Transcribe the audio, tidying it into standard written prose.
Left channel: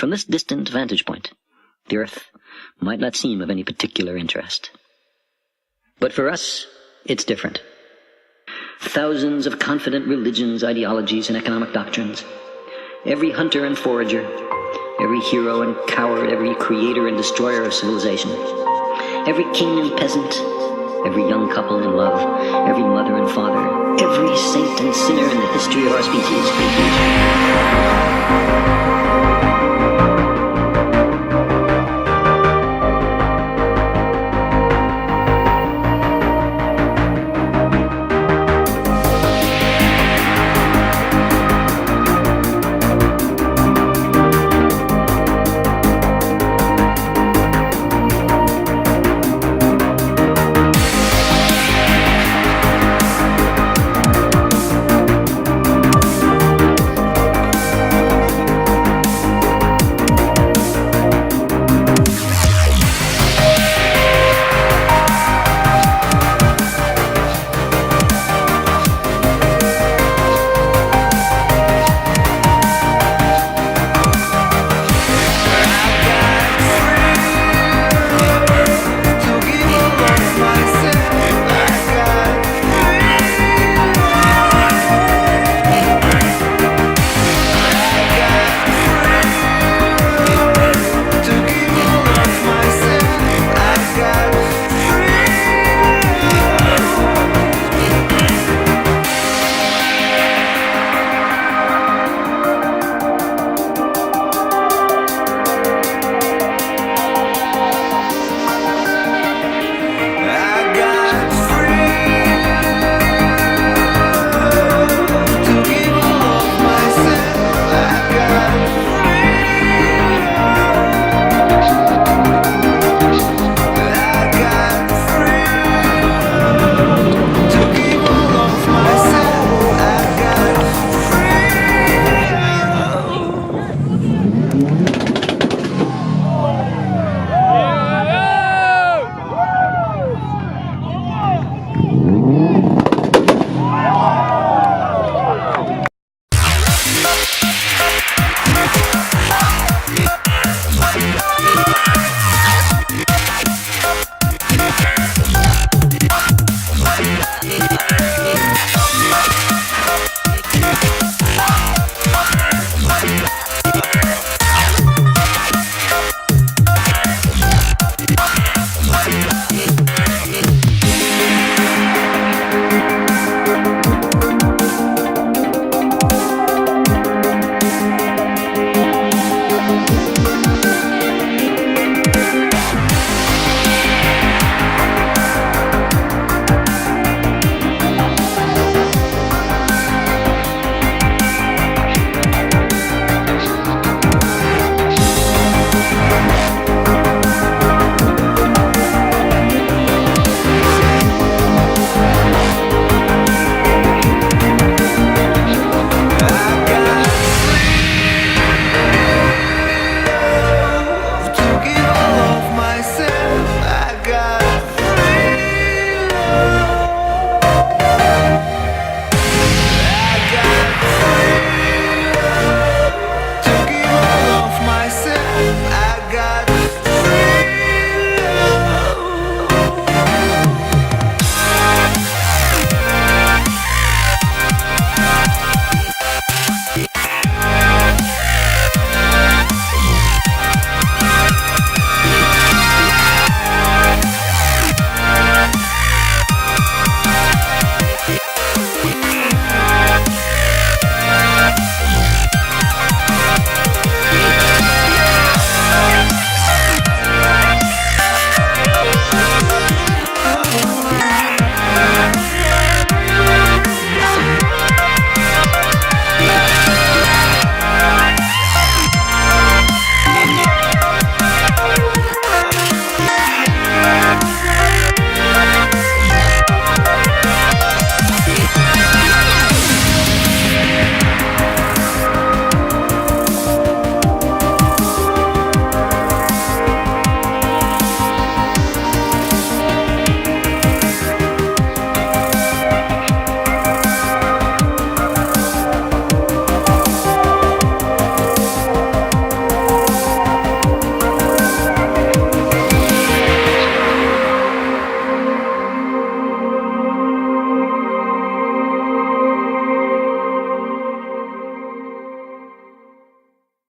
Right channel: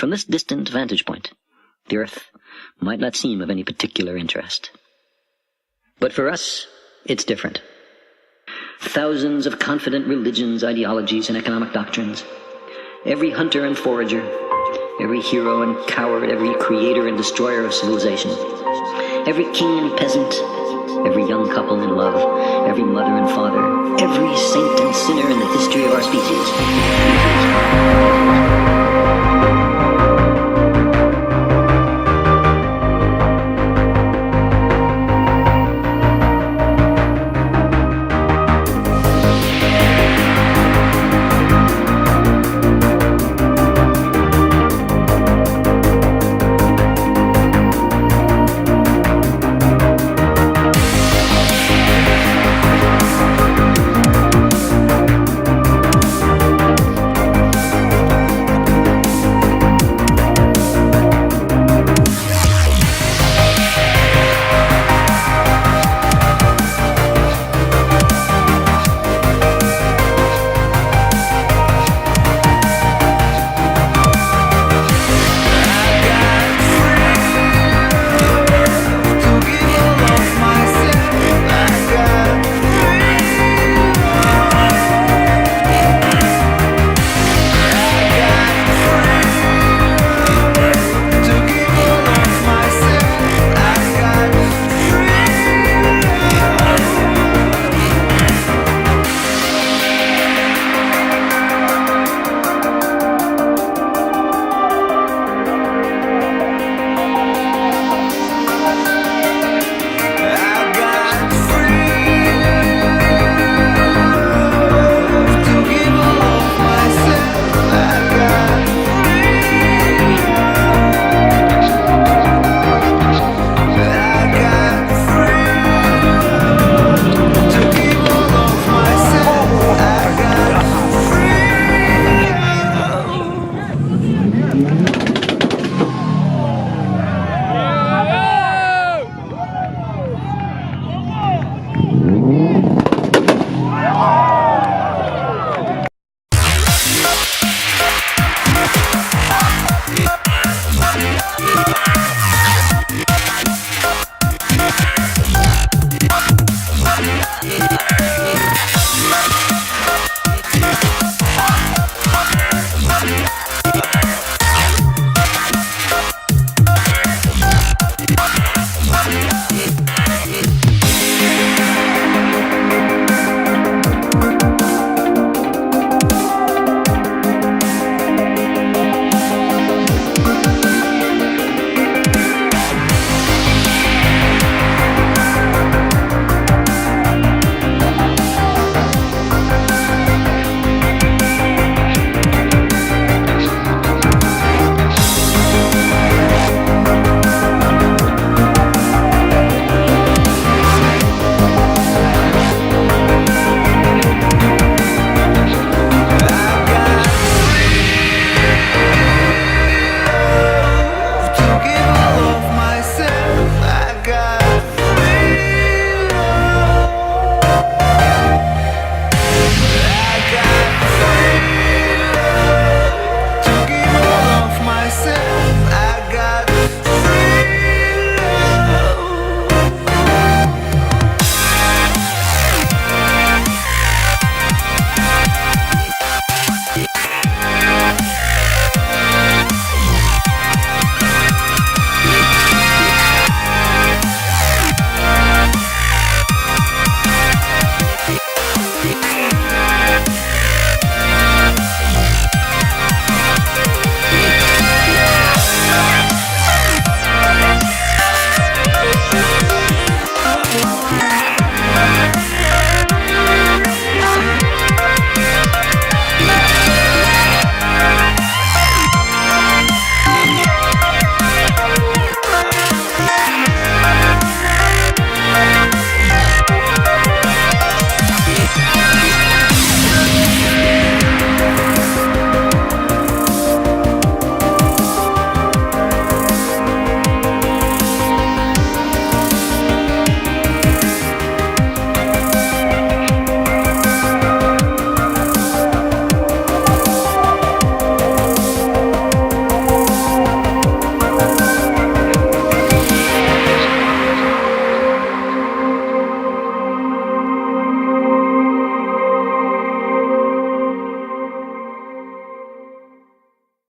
From this distant vantage point, the earth might not seem of any particular interest. But for us, it's different. Thousands of confident religions, ideologies, and economic doctrines. Every hunter and forager, every hero and coward, every creator and destroyer of civilization. Every king and peasant, every young couple in love, every mother and father, every saint and sinner in the history of our species.